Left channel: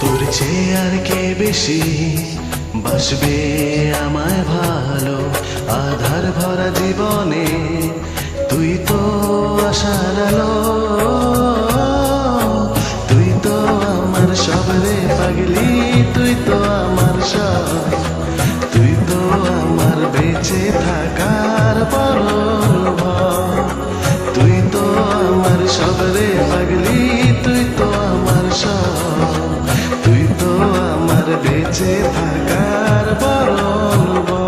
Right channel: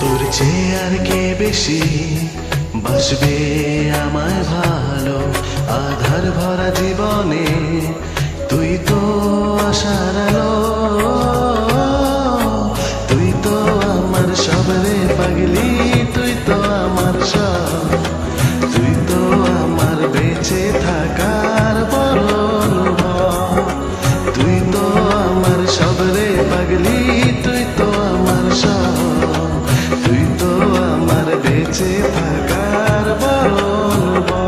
তোর চেয়ে আর কে বেশি বাসবে আমায় ভালো, আধার ভরা জীবনে তুই তো আশার আলো। তুই তো আমার সব রে পাগলি, তুই তো আমার সব, তুই তো আমার বেঁচে থাকার বড় অনুভব। তুই তো আমার সব রে পাগলি, তুই তো আমার সব, তুই তো আমার বেঁচে থাকার বড় অনুভব।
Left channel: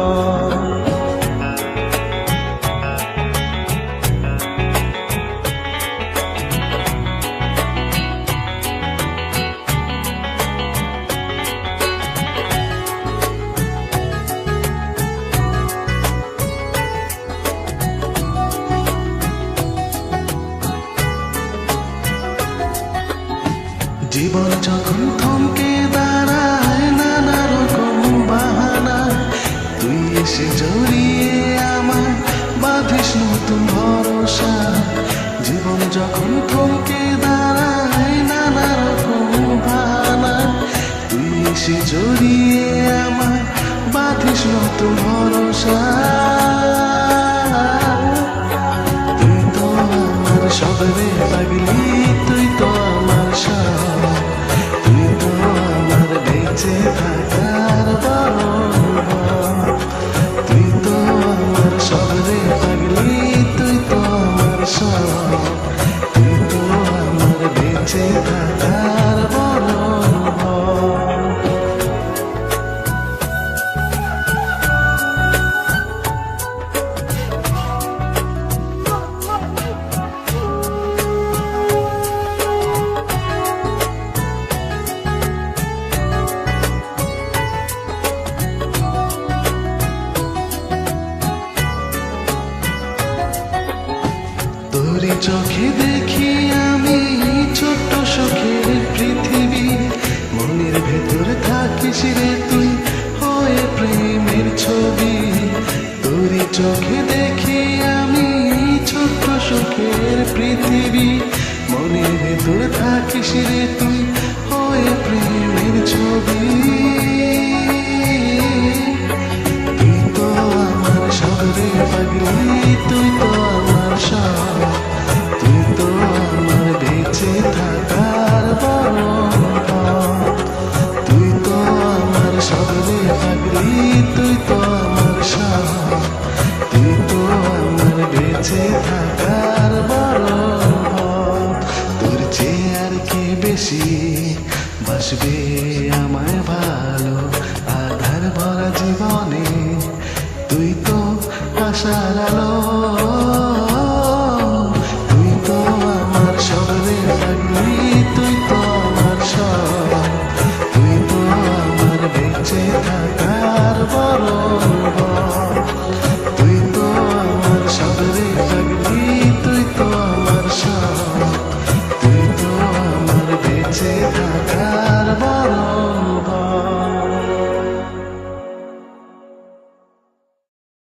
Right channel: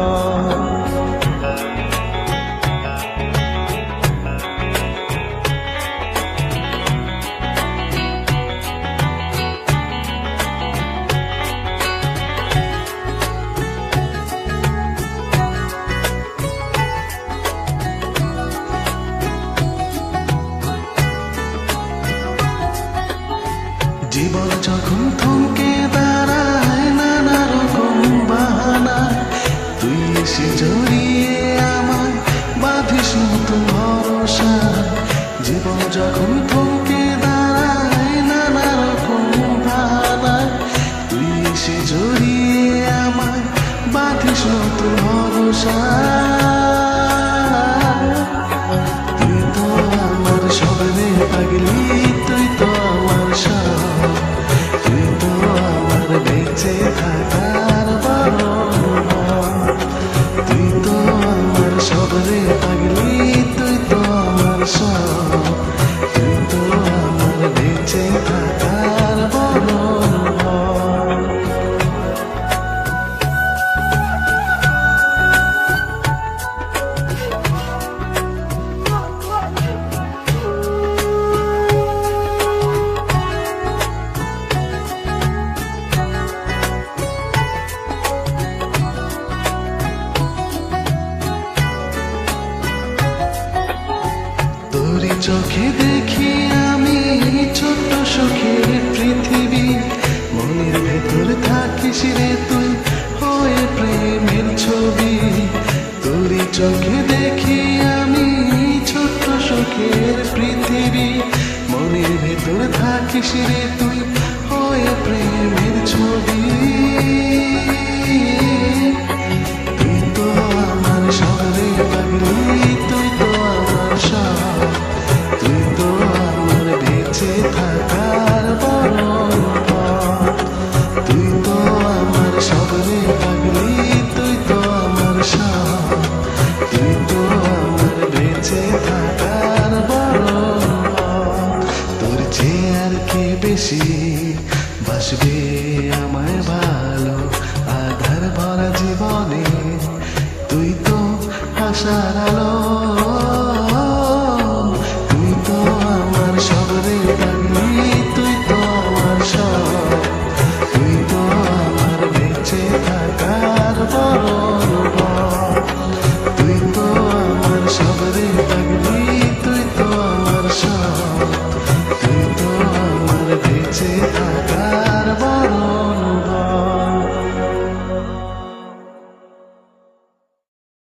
জীবন যখন থমকে দাঁড়ায় নানা রকম বাহানা, তুই এসে জড়িয়ে আমায় বাঁধিস নতুন ভরসা। জীবন যখন থমকে দাঁড়ায় নানা রকম বাহানা, তুই এসে জড়িয়ে আমায় বাঁধিস নতুন ভরসা। তুই তো আমার সব রে পাগলি, তুই তো আমার সব, তুই তো আমার বেঁচে থাকার বড় অনুভব। তুই তো আমার সব রে পাগলি, তুই তো আমার সব, তুই তো আমার বেঁচে থাকার বড় অনুভব। তোরই চোখে দেখি আমি ছোট্ট সুখের পৃথিবী, মনের ভেতর থাকিস রে তুই হয়ে প্রেমের ছবি। তোরই চোখে দেখি আমি ছোট্ট সুখের পৃথিবী, মনের ভেতর থাকিস রে তুই হয়ে প্রেমের ছবি। তুই তো আমার সব রে পাগলি, তুই তো আমার সব, তুই তো আমার বেঁচে থাকার বড় অনুভব। তুই তো আমার সব রে পাগলি, তুই তো আমার সব, তুই তো আমার বেঁচে থাকার বড় অনুভব। তোর চেয়ে আর কে বেশি বাসবে আমায় ভালো, আধার ভরা জীবনে তুই তো আশার আলো। তুই তো আমার সব রে পাগলি, তুই তো আমার সব, তুই তো আমার বেঁচে থাকার বড় অনুভব। তুই তো আমার সব রে পাগলি, তুই তো আমার সব, তুই তো আমার বেঁচে থাকার বড় অনুভব।